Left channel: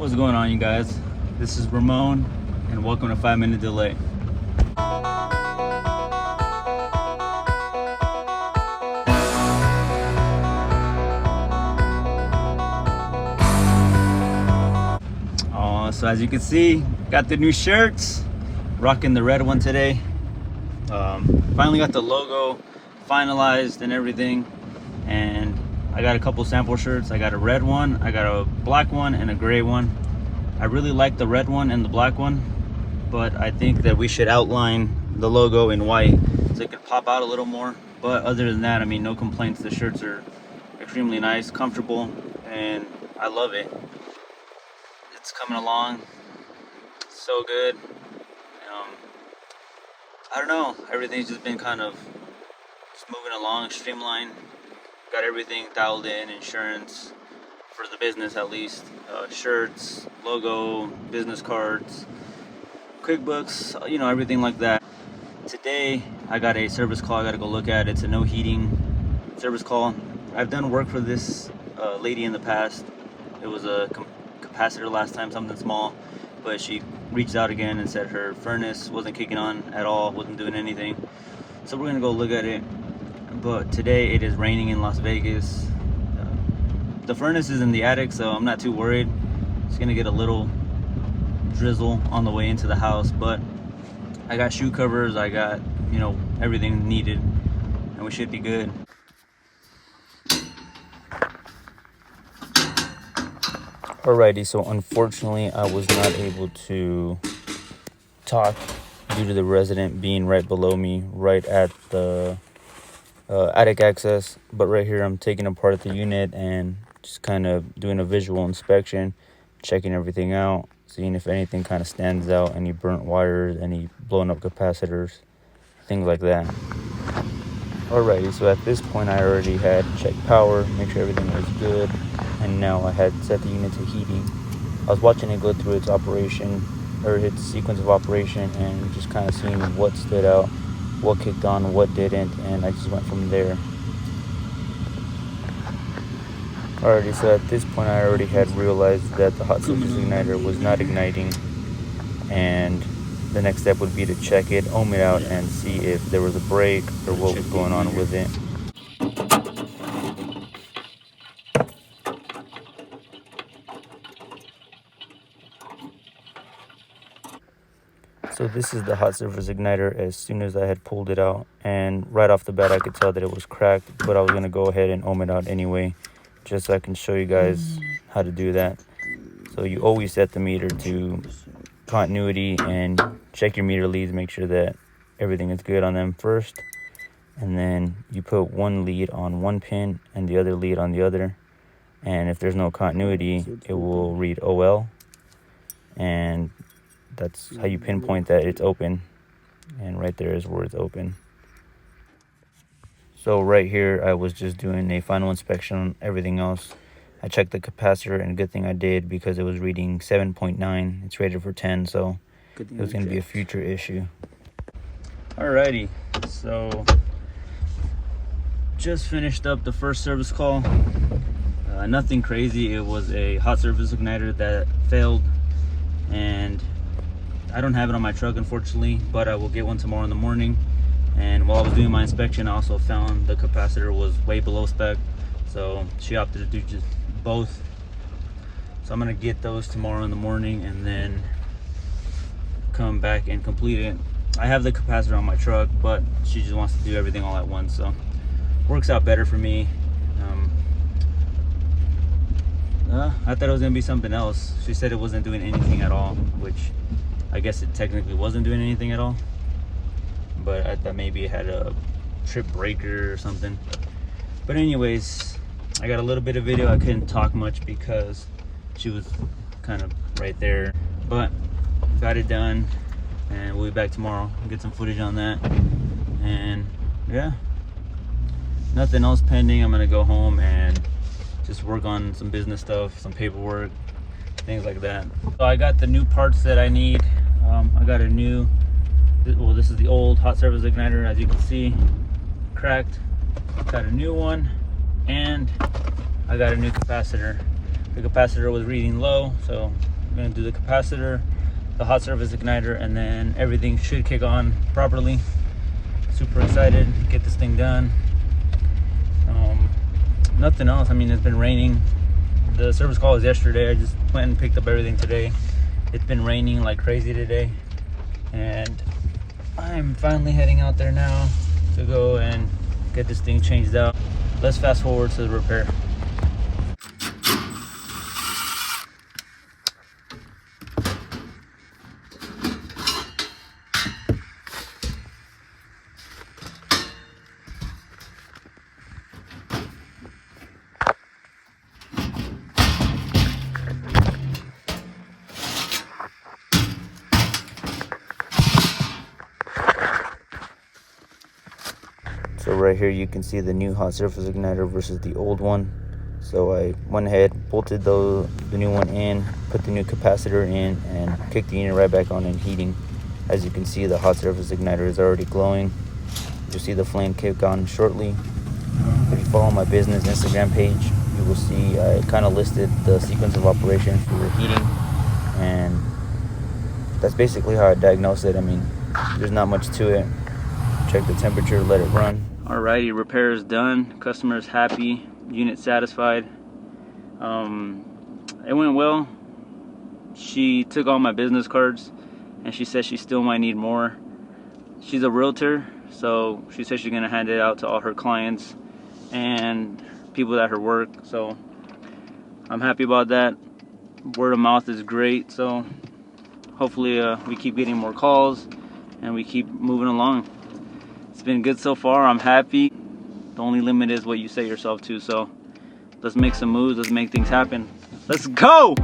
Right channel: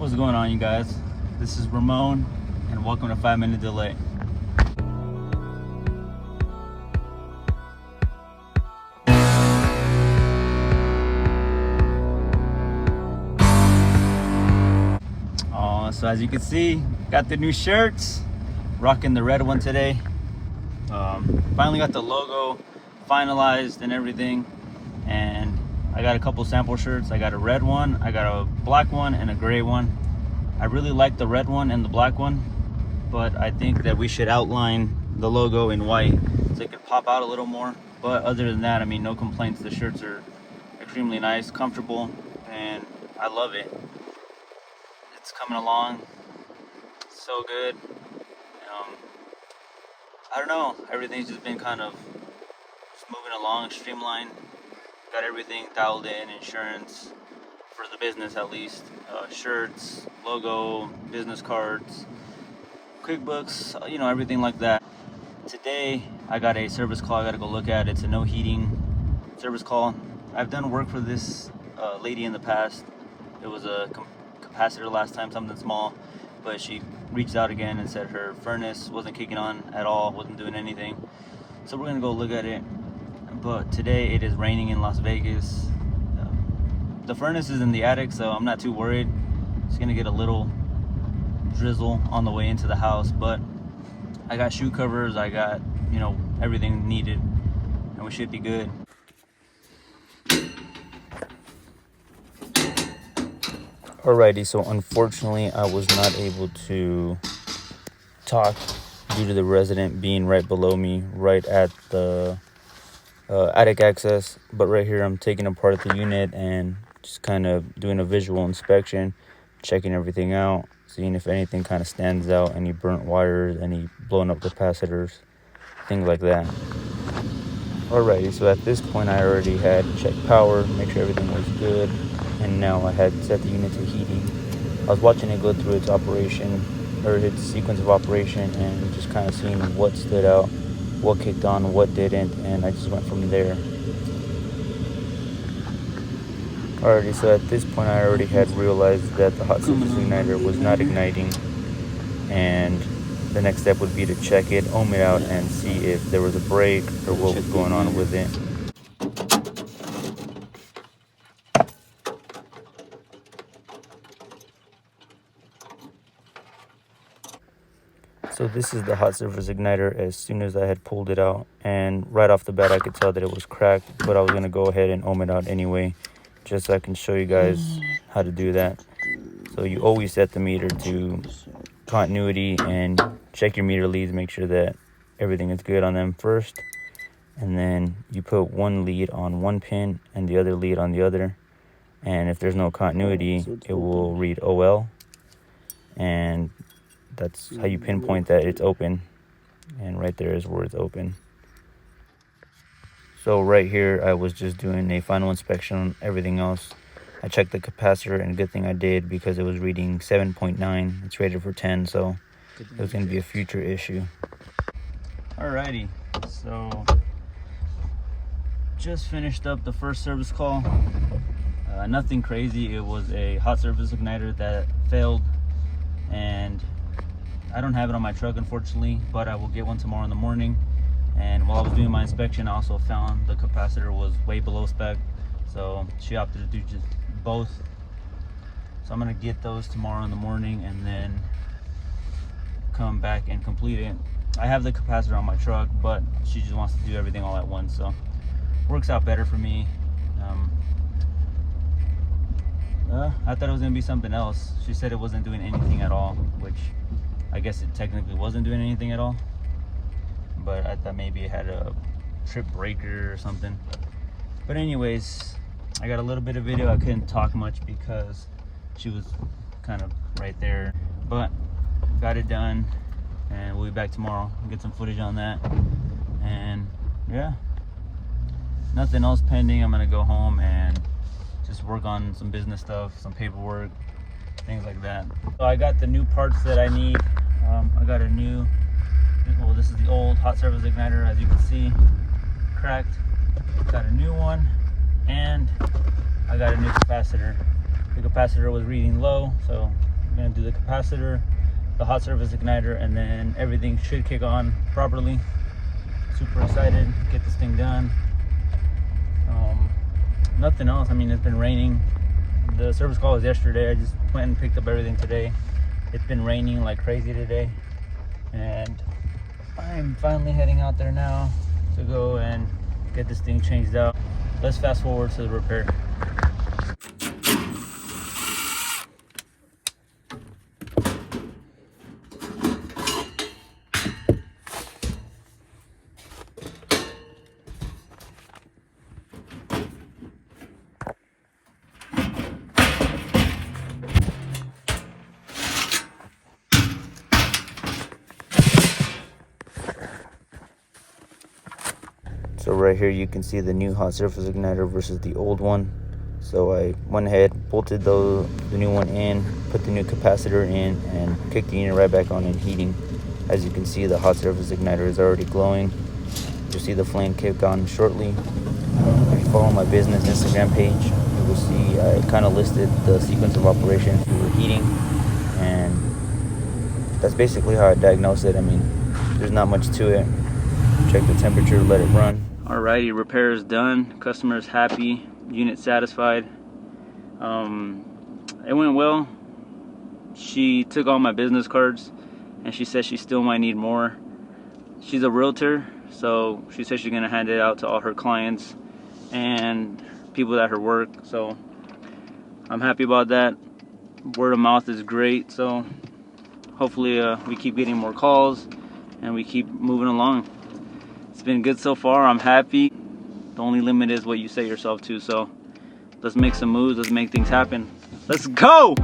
What's going on, you guys? This is Ramon, and welcome to 5 Minute Delay. So as you can see, got the new shirts. Rocking the red one today. Finally got the logo finalized and everything, and I got a couple sample shirts. I got a red one, I got a black one, and a gray one. I really like the red one and the black one, but I think that we should outline the logo in white so it can pop out a little more. But other than that, I mean, no complaints. The shirts are extremely nice, comfortable, and I love it. It's coming along so good. I don't know, everything's just been kind of just moving along, streamlined. Got everything dialed in, insurance for the business at least, shirts, logo, business cards, QuickBooks, everything like that. Today I got a service call I gotta go look at. It's a no heating service call. I've done work for this lady in the past. It was a capacitor last time, something small, but she reached out again and said her furnace wasn't kicking on at all, wasn't doing anything. So we're gonna go look at it. But today it is raining in Las Vegas. The furnace is in the attic, so I'm not too worried. It's gonna get a little drizzle on the way into the house, but I got shoe covers, I got everything needed, and we should be good. Alrighty, so unfortunately I was not able to talk due to the resident being right below me, right at the attic access. But right here I'm taking apart the unit and just kind of doing a visual inspection, checking everything out, seeing if anything kind of stands out, any burnt wires, any blown up capacitors, things like that. Alrighty, so at this point I already had checked power, make sure everything was good, and now I had set the unit to heating. I was watching it go through its operation, or its sequence of operation, and just kind of seeing what stood out, what kicked on, what didn't, and I just went from there. Alrighty, so at this point I already had realized that the hot surface igniter was not igniting, and the next step would be to check it, ohm it out, and see if there was a break or what was going on with it. So this is the hot surface igniter as soon as I had pulled it out, and right off the bat I could tell that it was cracked, but I was going to go ahead and ohm it out anyway, just so I can show you guys how to do that. So you always set the meter to continuity and check your meter leads, make sure that everything is good on them first, and then you put one lead on one pin and the other lead on the other, and if there's no continuity it will read OL, and that's how you pinpoint that it's open, and right there is where it's open. So right here I was just doing a final inspection on everything else. I checked the capacitor, and good thing I did because it was reading 7.9. It's rated for 10, so it was going to be a future issue. Alrighty, so just finished up the first service call. Nothing crazy. It was a hot surface igniter that failed, and I don't have it on my truck unfortunately, but I will get one tomorrow in the morning. And while I was doing my inspection, I also found the capacitor was way below spec, so she opted to do just both. So I'm gonna get those tomorrow in the morning and then come back and complete it. I have the capacitor on my truck, but she just wants to do everything all at once, so works out better for me. I thought it was gonna be something else. She said it wasn't doing anything at all, which I guess it technically wasn't doing anything at all, but I thought maybe it had a trip breaker or something. But anyways, I got a little bit of video. I couldn't talk much because she was kind of right there, but got it done, and we'll be back tomorrow. Get some footage on that, and yeah, nothing else pending. I'm gonna go home and just work on some business stuff, some paperwork, things like that. So I got the new parts that I need. I got a new, well, this is the old hot surface igniter, as you can see, cracked. Got a new one, and I got a new capacitor. the capacitor was reading low, so I'm gonna do the capacitor, the hot surface igniter, and then everything should kick on properly. Super excited to get this thing done. Nothing else. I mean, it's been raining. The service call was yesterday. I just went and picked up everything today. It's been raining like crazy today, and I'm finally heading out there now to go and get this thing changed out. Let's fast forward to the repair. So right here you can see the new hot surface igniter versus the old one. So I went ahead, bolted the new one in, put the new capacitor in, and kicked the unit right back on and heating. As you can see, the hot surface igniter is already glowing. You'll see the flame kick on shortly. If you follow my business Instagram page, you will see I kind of listed the sequence of operations we were heating, and that's basically how I diagnosed it. I mean, there's not much to it. Check the temperature, let it run. Alrighty, repair is done. Customer is happy. Unit satisfied. It went well. She took all my business cards, and she said she still might need more. She's a realtor, so she said she's gonna hand it out to all her clients and people at her work. So I'm happy about that. Word of mouth is great. So hopefully we keep getting more calls and we keep moving along. It's been good so far. I'm happy. The only limit is what you set yourself to. So let's make some moves. Let's make things happen. Let's go!